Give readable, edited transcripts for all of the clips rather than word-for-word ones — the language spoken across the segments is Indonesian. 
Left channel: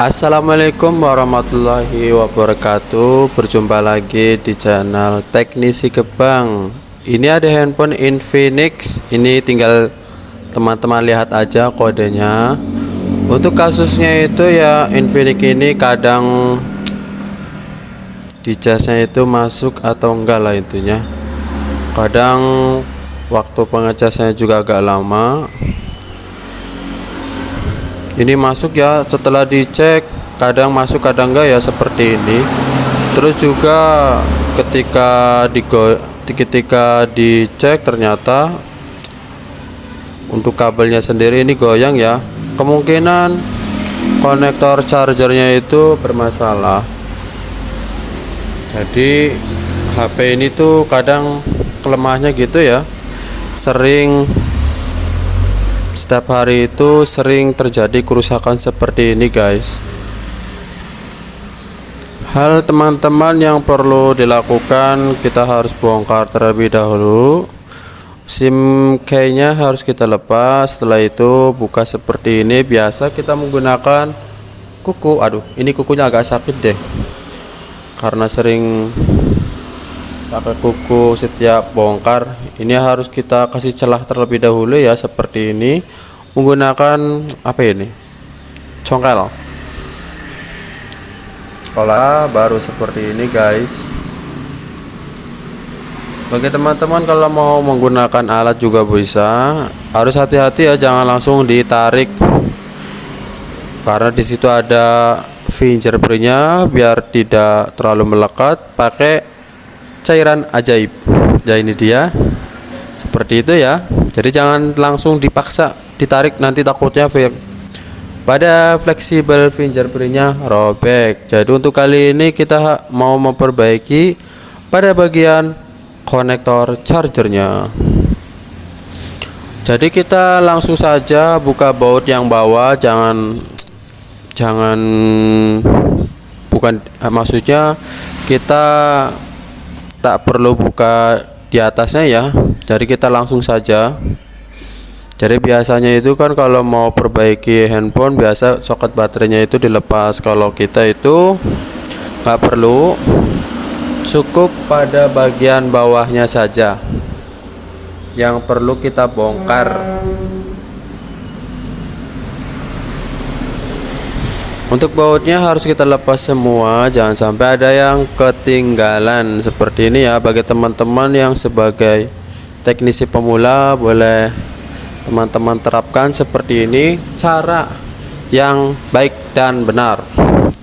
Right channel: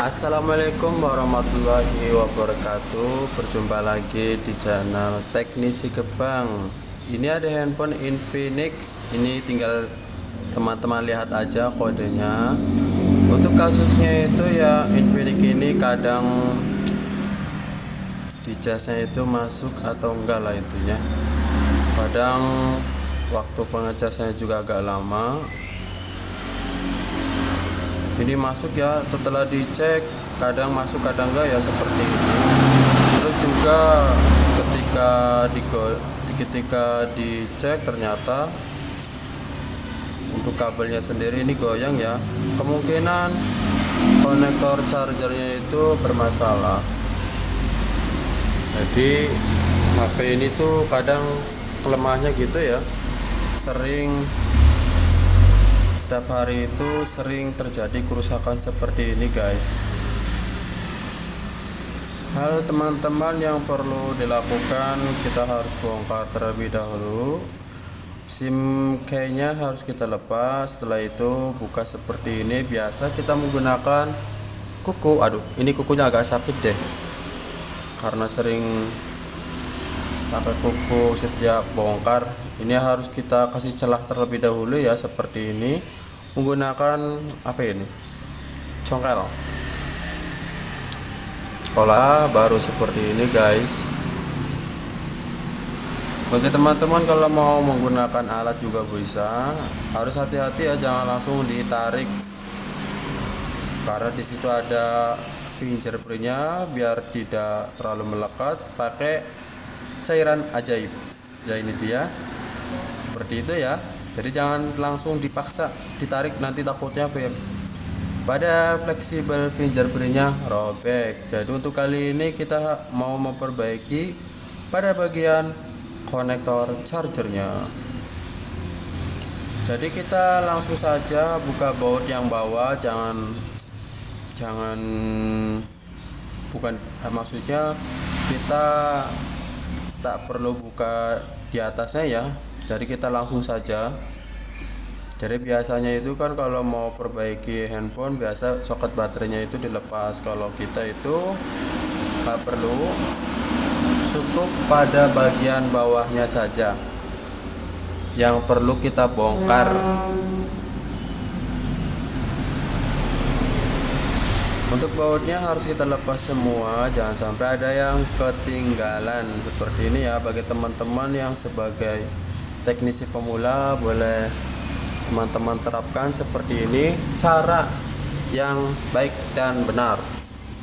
Assalamualaikum warahmatullahi wabarakatuh. Berjumpa lagi di channel Teknisi Gebang. Ini ada handphone Infinix. Ini tinggal teman-teman lihat aja kodenya. Untuk kasusnya itu ya, Infinix ini kadang di casnya itu masuk atau enggak lah intinya. Kadang waktu pengecasnya juga agak lama. Ini masuk ya, setelah dicek kadang masuk kadang enggak ya, seperti ini. Terus juga ketika dicek ternyata untuk kabelnya sendiri ini goyang ya. Kemungkinan konektor chargernya itu bermasalah. Jadi HP ini tuh kadang kelemahannya gitu ya, setiap hari itu sering terjadi kerusakan seperti ini guys. Hal teman-teman yang perlu dilakukan, kita harus bongkar terlebih dahulu. SIM key-nya harus kita lepas. Setelah itu buka seperti ini. Biasa kita menggunakan kuku. Aduh, ini kukunya agak sakit deh, karena sering pakai kuku setiap bongkar. Ini harus kita kasih celah terlebih dahulu ya, seperti ini, menggunakan apa ini, congkel. Kalau baru seperti ini guys. Bagi teman-teman kalau mau menggunakan alat juga bisa, harus hati-hati ya, jangan langsung ditarik karena disitu ada fingerprintnya. Biar tidak terlalu melekat, pakai cairan ajaib. Ya ini dia, seperti itu ya. Jadi jangan langsung dipaksa ditarik, nanti takutnya pada fleksibel fingerprintnya robek. Jadi untuk kali ini kita mau memperbaiki pada bagian konektor chargernya. Jadi kita langsung saja buka baut yang bawah, maksudnya kita tak perlu buka di atasnya ya. Jadi kita langsung saja. Jadi biasanya itu kan kalau mau perbaiki handphone, biasa soket baterainya itu dilepas. Kalau kita itu nggak perlu, cukup pada bagian bawahnya saja yang perlu kita bongkar. Untuk bautnya harus kita lepas semua, jangan sampai ada yang ketinggalan seperti ini ya. Bagi teman-teman yang sebagai teknisi pemula, boleh teman-teman terapkan seperti ini, cara yang baik dan benar.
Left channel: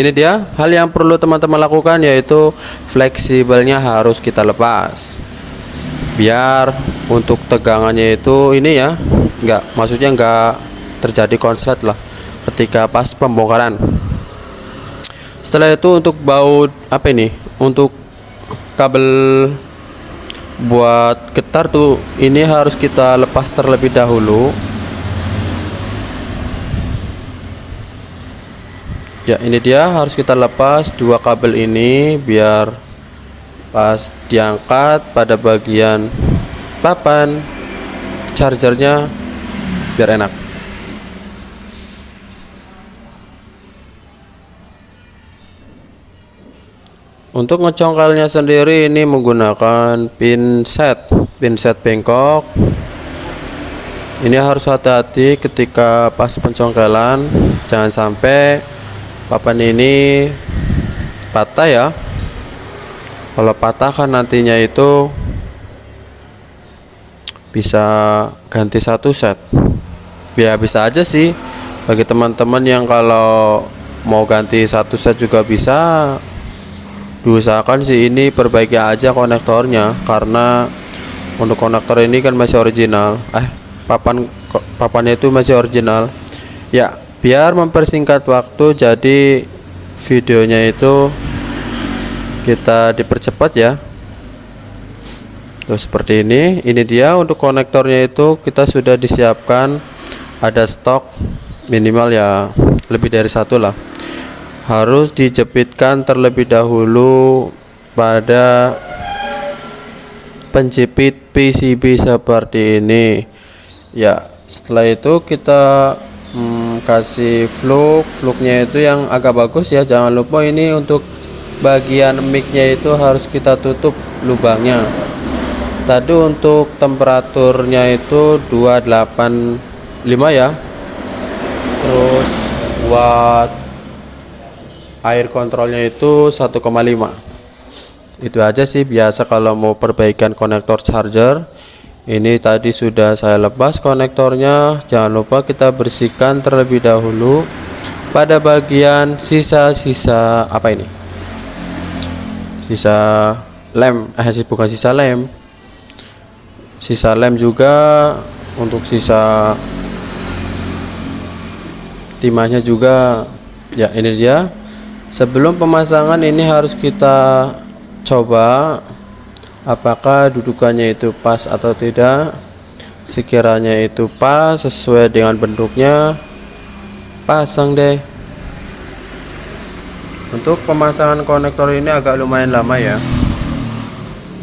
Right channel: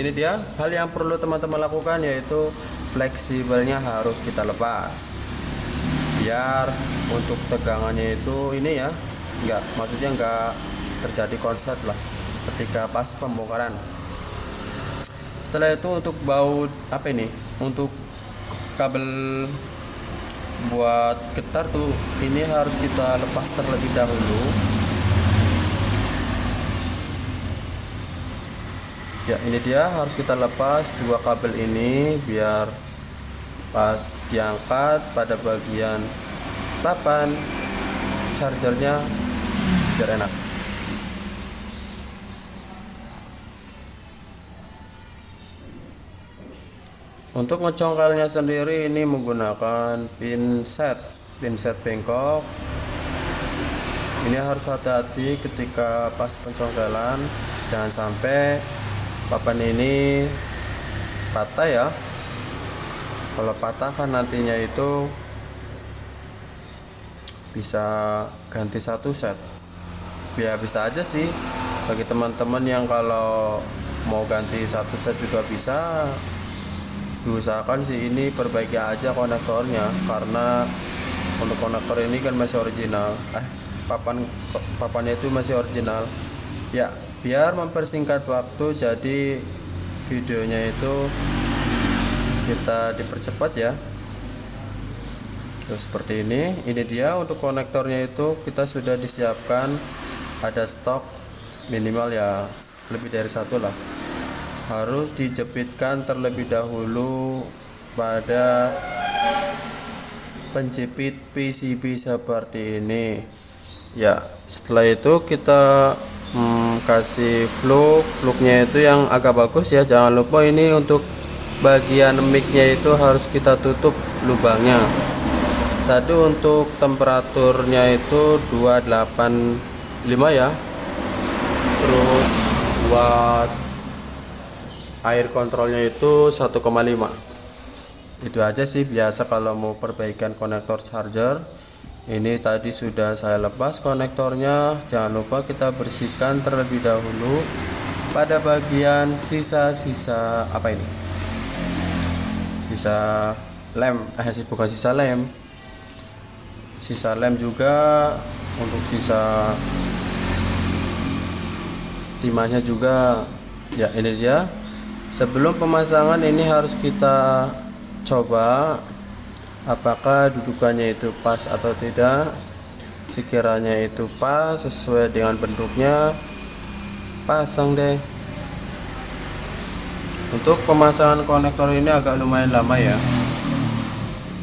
Ini dia hal yang perlu teman-teman lakukan, yaitu fleksibelnya harus kita lepas. Biar untuk tegangannya itu ini ya, maksudnya enggak terjadi konslet lah ketika pas pembongkaran. Setelah itu untuk baut apa ini, untuk kabel buat getar tuh, ini harus kita lepas terlebih dahulu ya. Ini dia, harus kita lepas dua kabel ini biar pas diangkat pada bagian papan chargernya biar enak. Untuk ngecongkelnya sendiri ini menggunakan pinset bengkok. Ini harus hati-hati ketika pas pencongkelan, jangan sampai papan ini patah ya. Kalau patah kan nantinya itu bisa ganti satu set. Ya bisa aja sih, bagi teman-teman yang kalau mau ganti satu set juga bisa. Diusahakan sih ini perbaiki aja konektornya, karena untuk konektor ini kan masih original. Papannya itu masih original ya. Biar mempersingkat waktu, jadi videonya itu kita dipercepat ya. Tuh seperti ini. Ini dia untuk konektornya itu kita sudah disiapkan, ada stok minimal ya lebih dari satu lah. Harus dijepitkan terlebih dahulu pada penjepit PCB seperti ini ya. Setelah itu kita kasih fluknya itu yang agak bagus ya. Jangan lupa ini untuk bagian micnya itu harus kita tutup lubangnya. Tadi untuk temperaturnya itu 285 ya. Terus buat air kontrolnya itu 1,5. Itu aja sih biasa kalau mau perbaikan konektor charger. Ini tadi sudah saya lepas konektornya. Jangan lupa kita bersihkan terlebih dahulu pada bagian sisa-sisa apa ini, sisa lem, bukan sisa lem, sisa lem juga. Untuk sisa timahnya juga ya. Ini dia. Sebelum pemasangan ini harus kita coba apakah dudukannya itu pas atau tidak. Sekiranya itu pas sesuai dengan bentuknya, pasang deh. Untuk pemasangan konektor ini agak lumayan lama ya,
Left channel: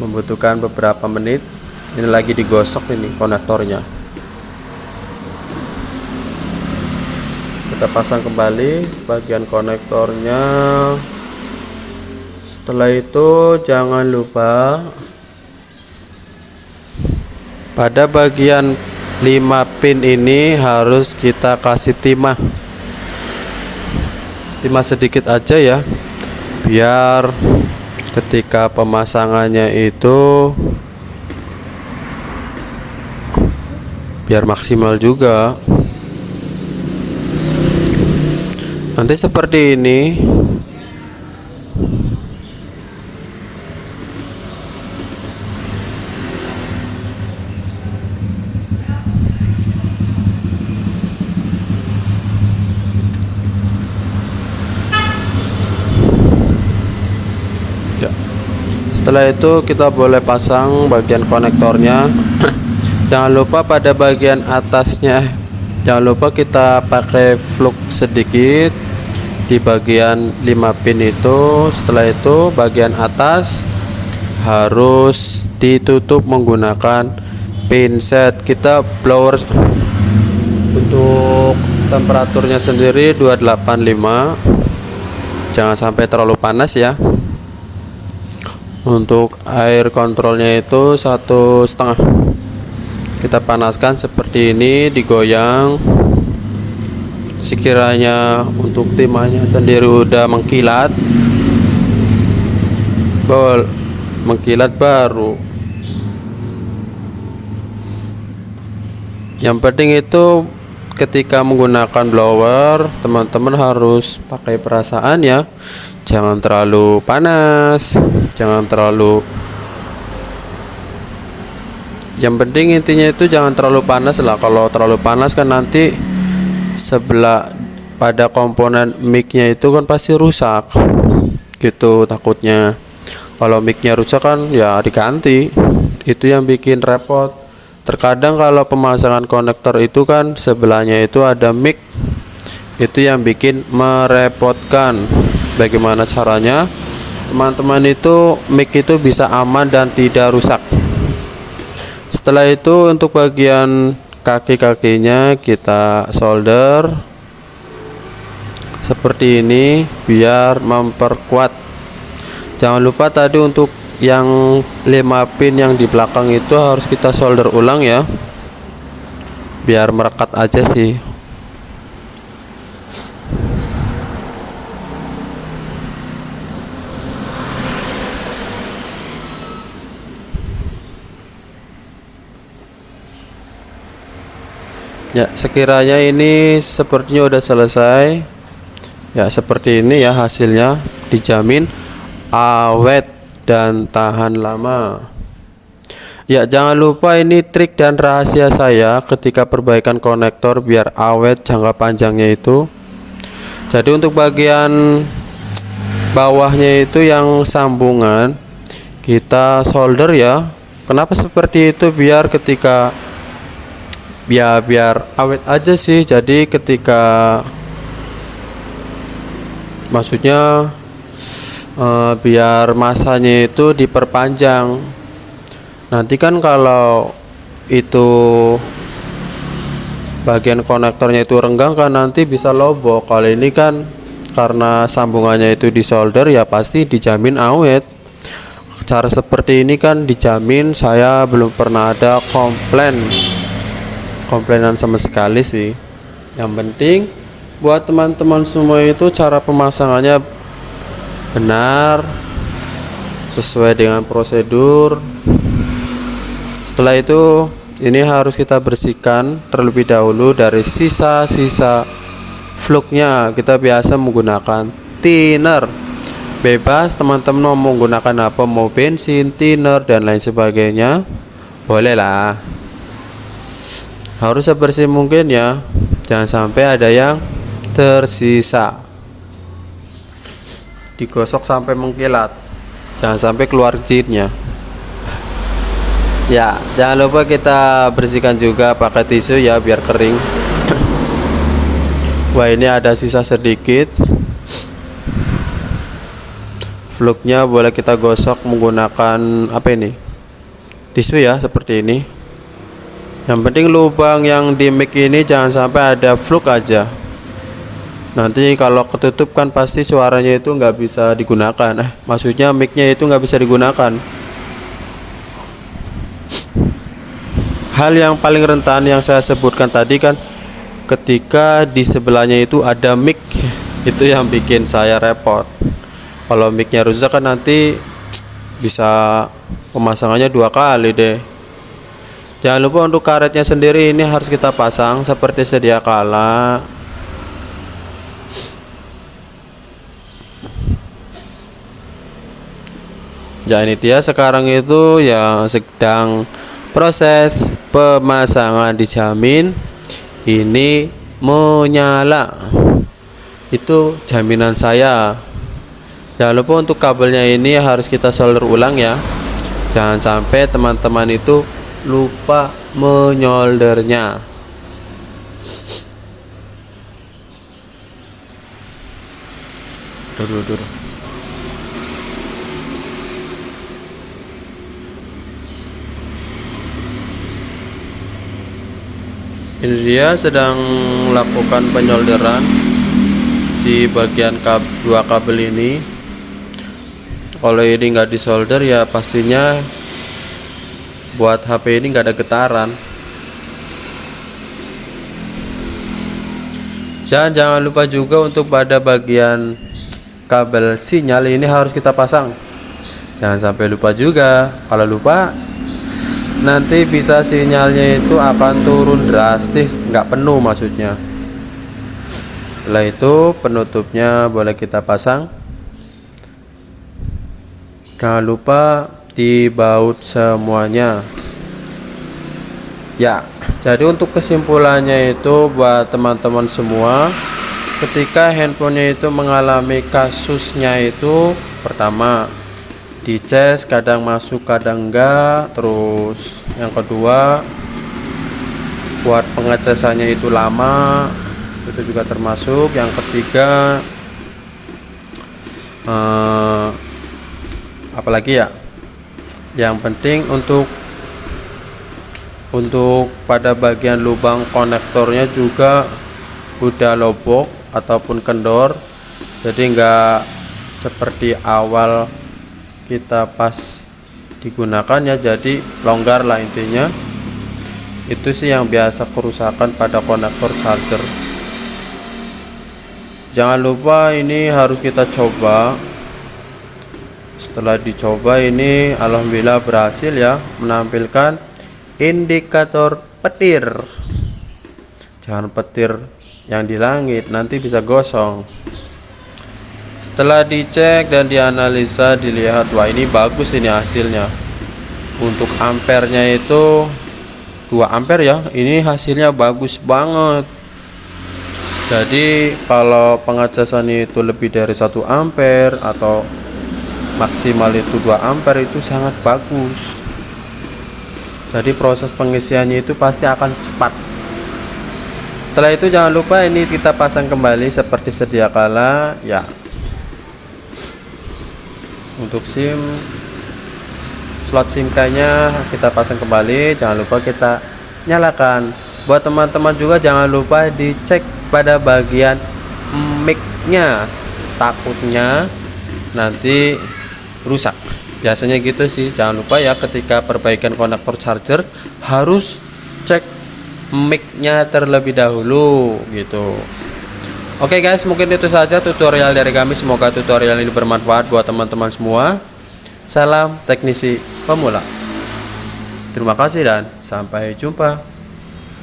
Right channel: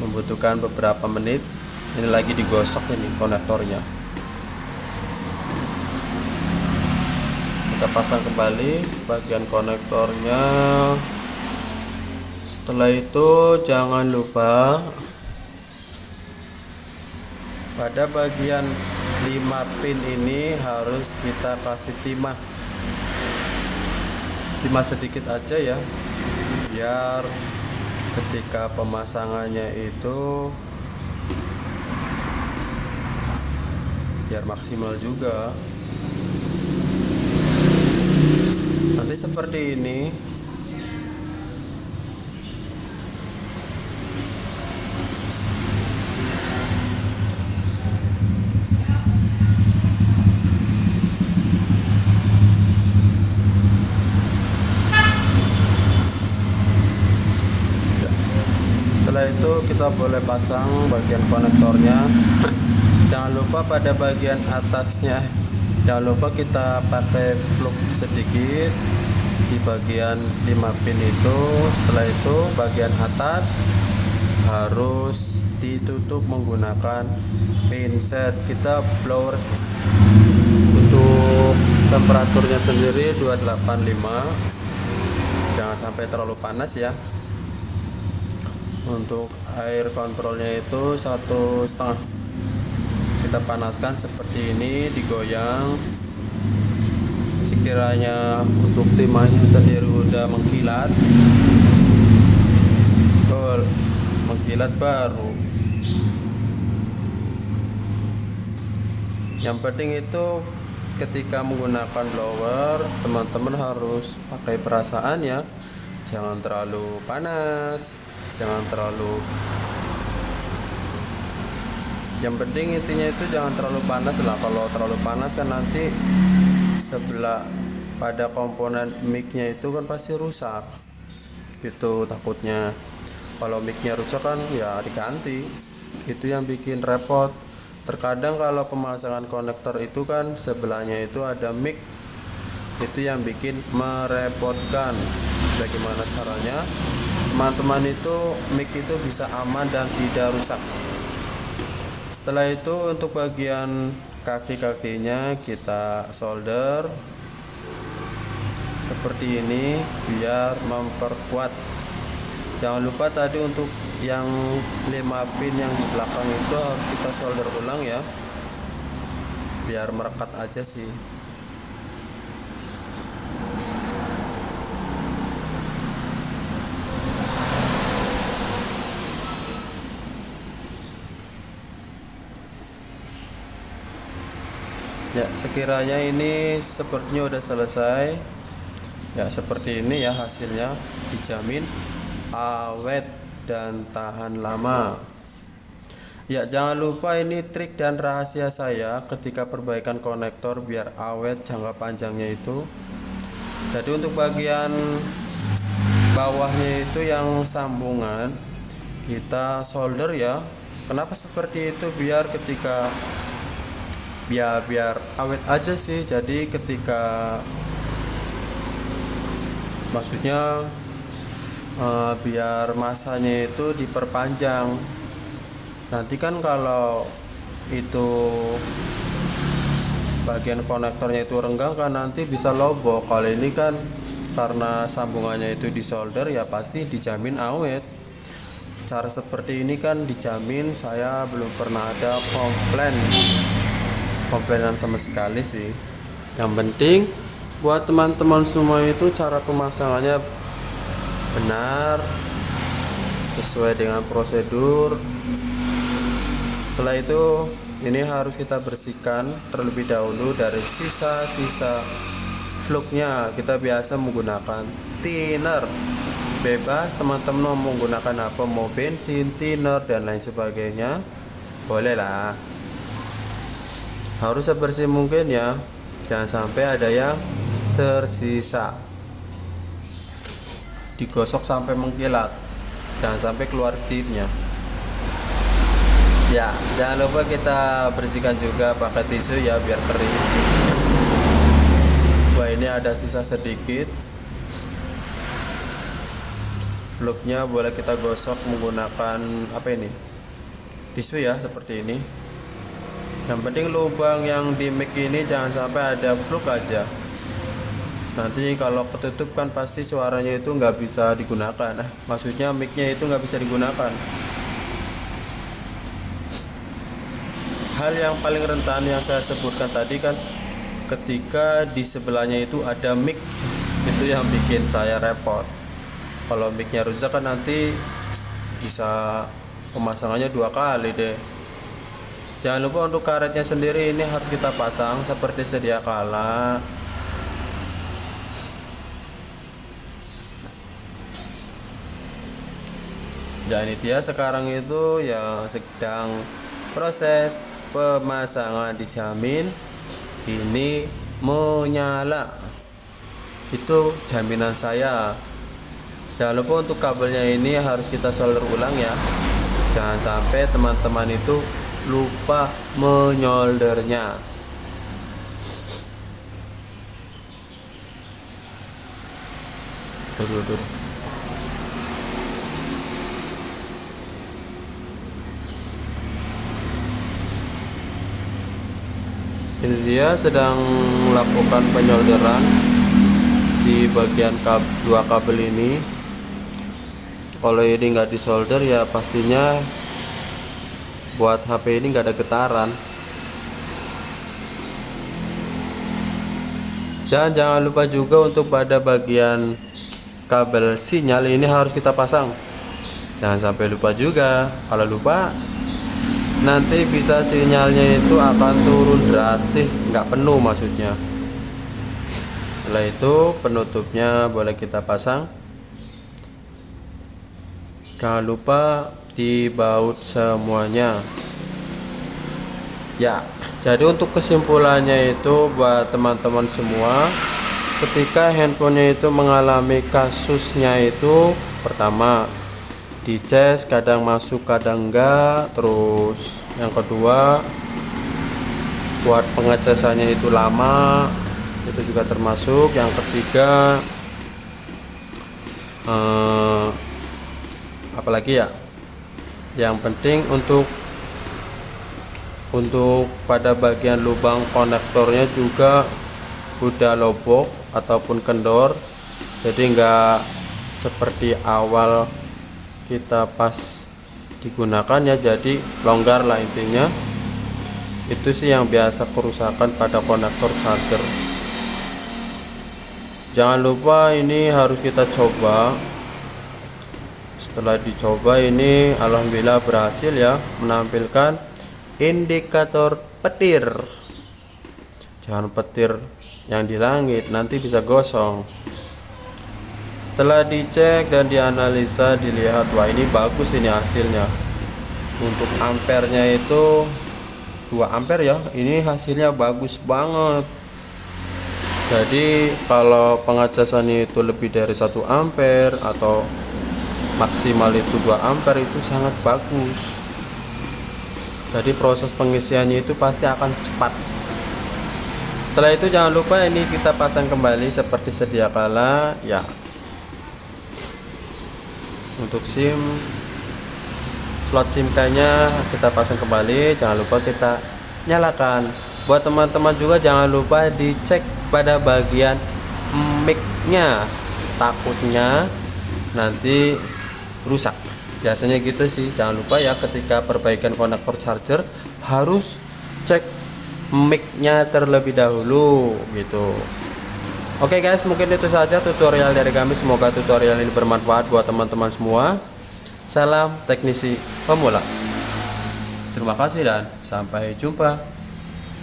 membutuhkan beberapa menit. Ini lagi digosok ini konektornya. Kita pasang kembali bagian konektornya. Setelah itu jangan lupa pada bagian 5 pin ini harus kita kasih timah sedikit aja ya, biar ketika pemasangannya itu biar maksimal juga. Nanti seperti ini. Setelah itu kita boleh pasang bagian konektornya. Jangan lupa pada bagian atasnya, jangan lupa kita pakai fluk sedikit di bagian 5 pin itu. Setelah itu bagian atas harus ditutup menggunakan pinset. Kita blower untuk temperaturnya sendiri 285, jangan sampai terlalu panas ya. Untuk air kontrolnya itu 1,5. Kita panaskan seperti ini, digoyang. Sekiranya untuk timahnya sendiri udah mengkilat, mengkilat baru. Yang penting itu ketika menggunakan blower, teman-teman harus pakai perasaan ya. Jangan terlalu panas, jangan terlalu, yang penting intinya itu jangan terlalu panas lah. Kalau terlalu panas kan nanti sebelah pada komponen micnya itu kan pasti rusak gitu takutnya. Kalau micnya rusak kan ya diganti, itu yang bikin repot. Terkadang kalau pemasangan konektor itu kan sebelahnya itu ada mic, itu yang bikin merepotkan. Bagaimana caranya teman-teman itu mic itu bisa aman dan tidak rusak. Setelah itu untuk bagian kaki-kakinya kita solder seperti ini biar memperkuat. Jangan lupa tadi untuk yang 5 pin yang di belakang itu harus kita solder ulang ya, biar merekat aja sih. Ya, sekiranya ini sepertinya udah selesai. Ya, seperti ini ya hasilnya, dijamin awet dan tahan lama. Ya, jangan lupa ini trik dan rahasia saya ketika perbaikan konektor biar awet jangka panjangnya itu. Jadi untuk bagian bawahnya itu yang sambungan kita solder ya. Kenapa seperti itu? Biar ketika biar awet aja sih. Jadi ketika maksudnya biar masanya itu diperpanjang. Nanti kan kalau itu bagian konektornya itu renggang kan nanti bisa lobok. Kali ini kan karena sambungannya itu di solder ya pasti dijamin awet. Cara seperti ini kan dijamin, saya belum pernah ada komplainan sama sekali sih. Yang penting buat teman-teman semua itu cara pemasangannya benar sesuai dengan prosedur. Setelah itu ini harus kita bersihkan terlebih dahulu dari sisa-sisa fluknya. Kita biasa menggunakan thinner, bebas teman-teman mau menggunakan apa, mau bensin, thinner dan lain sebagainya, boleh lah. Harus sebersih mungkin ya, jangan sampai ada yang tersisa. Digosok sampai mengkilat, jangan sampai keluar jinnya. Ya, jangan lupa kita bersihkan juga pakai tisu ya biar kering. Wah, ini ada sisa sedikit. Fluknya boleh kita gosok menggunakan apa ini? Tisu ya, seperti ini. Yang penting lubang yang di mic ini jangan sampai ada fluk aja. Nanti kalau ketutup kan pasti suaranya itu nggak bisa digunakan. Maksudnya micnya itu nggak bisa digunakan. Hal yang paling rentan yang saya sebutkan tadi kan ketika di sebelahnya itu ada mic, itu yang bikin saya repot. Kalau micnya rusak kan nanti bisa pemasangannya 2 kali deh. Jangan lupa untuk karetnya sendiri ini harus kita pasang seperti sedia kala. Jangan itu ya, sekarang itu ya sedang proses pemasangan, dijamin ini menyala, itu jaminan saya. Jangan lupa untuk kabelnya ini harus kita solder ulang ya, jangan sampai teman-teman itu lupa menyoldernya. Ini dia sedang melakukan penyolderan di bagian dua kabel ini. Kalau ini nggak disolder ya pastinya buat HP ini nggak ada getaran. Dan jangan lupa juga untuk pada bagian kabel sinyal ini harus kita pasang. Jangan sampai lupa juga. Kalau lupa nanti bisa sinyalnya itu akan turun drastis, nggak penuh maksudnya. Setelah itu penutupnya boleh kita pasang. Jangan lupa dibaut semuanya ya. Jadi untuk kesimpulannya itu buat teman-teman semua, ketika handphonenya itu mengalami kasusnya itu, pertama dicas kadang masuk kadang enggak, terus yang kedua buat pengecasannya itu lama, itu juga termasuk. Yang ketiga apalagi ya, yang penting untuk pada bagian lubang konektornya juga udah lobok ataupun kendor, jadi enggak seperti awal kita pas digunakan ya, jadi longgar lah intinya. Itu sih yang biasa kerusakan pada konektor charger. Jangan lupa ini harus kita coba. Setelah dicoba ini alhamdulillah berhasil ya, menampilkan indikator petir. Jangan petir yang di langit, nanti bisa gosong. Setelah dicek dan dianalisa, dilihat, wah ini bagus ini hasilnya. Untuk ampernya itu 2 ampere ya, ini hasilnya bagus banget. Jadi kalau pengecasannya itu lebih dari 1 ampere atau maksimal itu 2 ampere itu sangat bagus. Jadi proses pengisiannya itu pasti akan cepat. Setelah itu jangan lupa ini kita pasang kembali seperti sedia kala ya. Untuk slot SIM nya kita pasang kembali, jangan lupa kita nyalakan Buat teman-teman juga jangan lupa dicek pada bagian mic-nya, takutnya nanti rusak. Biasanya gitu sih. Jangan lupa ya, ketika perbaikan konektor charger harus cek mic-nya terlebih dahulu gitu. Oke guys, mungkin itu saja tutorial dari kami. Semoga tutorial ini bermanfaat buat teman-teman semua. Salam teknisi pemula. Terima kasih dan sampai jumpa.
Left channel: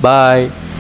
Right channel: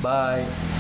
Bye.